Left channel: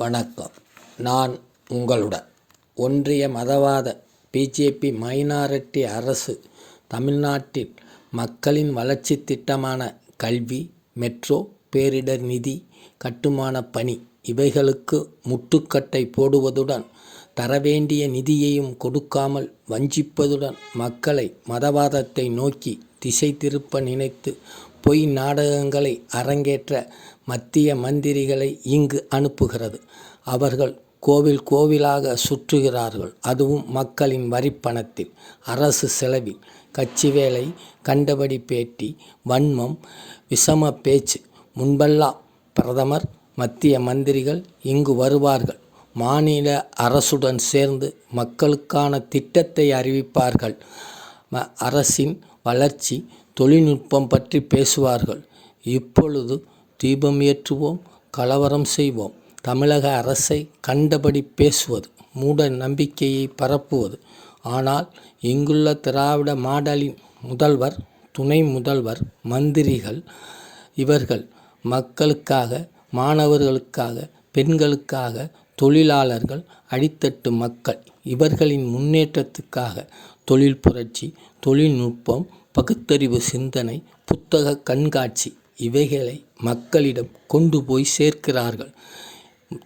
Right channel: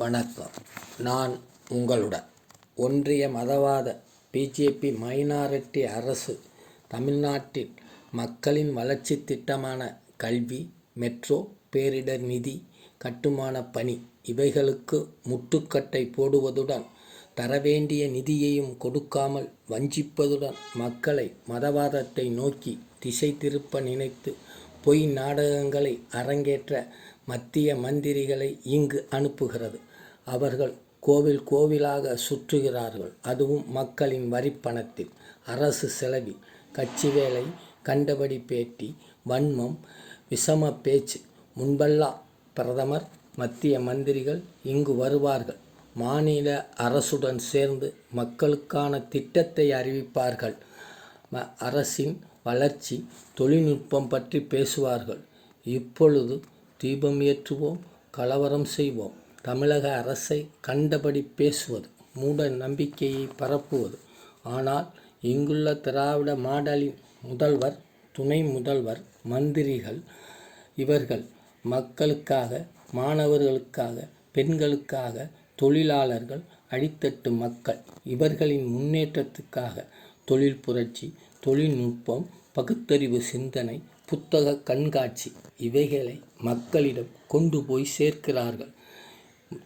வணக்கம். நான் உங்களுடன் ஒன்றிய மதவாத பிஜேபி மைனாரிட்டி அரசு தமிழ்நாட்டில் மக்களின் வளர்ச்சி திட்டமான கல்வி, மெட்ரோ, பேரிடர் நிதி, கட்டுமான பணி இவைகளுக்கு முட்டுக்கட்டை போடுவதுடன் தரவேண்டிய நிதியையும் கொடுக்காமல் வஞ்சிப்பதுடன் மக்களை மதவாதத்தை நோக்கி திசை திருப்ப நினைத்து பொய் நாடகங்களை அரங்கேற்ற மத்திய மந்திரிகளை இங்கு அனுப்புகிறது. அவர்கள் கோவில் கோவிலாக சுற்றுகிறார்கள். அதுவும் மக்களின் வரிப்பணத்தில், அரசு செலவில். கட்சி வேலை, கண்டபடி பேட்டி, வன்மம், விஷம பேச்சு. முன்பெல்லாம் பிரதமர், மத்திய மந்திரிகள் இங்கு வருவார்கள். மாநில அரசுடன் சேர்ந்து மக்களுக்கான திட்டத்தை அறிவிப்பார்கள். அரசின் வளர்ச்சி, தொழில்நுட்பம் பற்றி பேசுவார்கள். இப்பொழுது தீபம் ஏற்றுவோம், கலவரம் செய்வோம், தமிழக அரசை கண்டபடி பேசுவது, மூட நம்பிக்கையை பரப்புவது. ஆனால் இங்குள்ள திராவிட மாடலின் முதல்வர், துணை முதல்வர், மந்திரிகள் இவர்கள் மக்களுக்காக, மாணவர்களுக்காக, பெண்களுக்காக, தொழிலாளர்கள், அடித்தட்டு மக்கள் இவர்களின் முன்னேற்றத்துக்காக தொழில் புரட்சி, தொழில்நுட்பம், பகுத்தறிவு சிந்தனை, புத்தக கண்காட்சி இவைகளை மக்களிடம் கொண்டு போய் சேர்க்கிறார்கள்.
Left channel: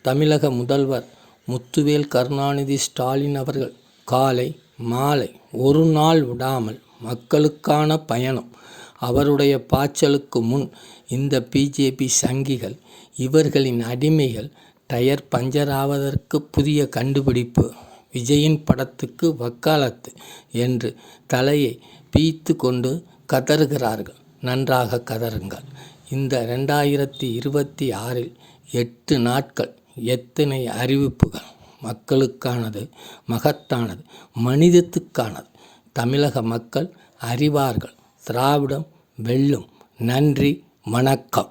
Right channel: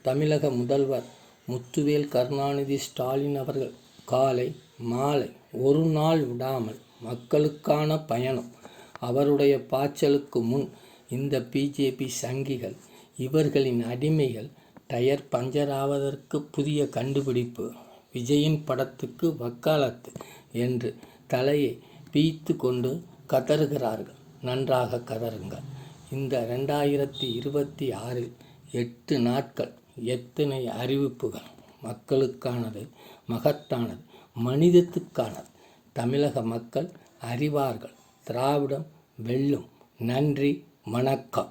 தமிழக முதல்வர் முத்துவேல் கருணாநிதி ஸ்டாலின் அவர்கள் காலை மாலை ஒரு நாள் விடாமல் மக்களுக்கான பயணம். அவருடைய பாய்ச்சலுக்கு முன் இந்த பிஜேபி சங்கிகள், இவர்களின் அடிமைகள், டயர் பஞ்சர் ஆவதற்கு புதிய கண்டுபிடிப்பு, விஜயின் படத்துக்கு வக்காலத்து என்று தலையை பீய்த்து கொண்டு கதறுகிறார்கள். நன்றாக கதறுங்கள். இந்த 2026 8 நாட்கள் எத்தனை அறிவிப்புகள்! மக்களுக்கானது, மகத்தானது, மனிதத்துக்கானது. தமிழக மக்கள் அறிவார்கள். திராவிடம் வெல்லும். நன்றி, வணக்கம்.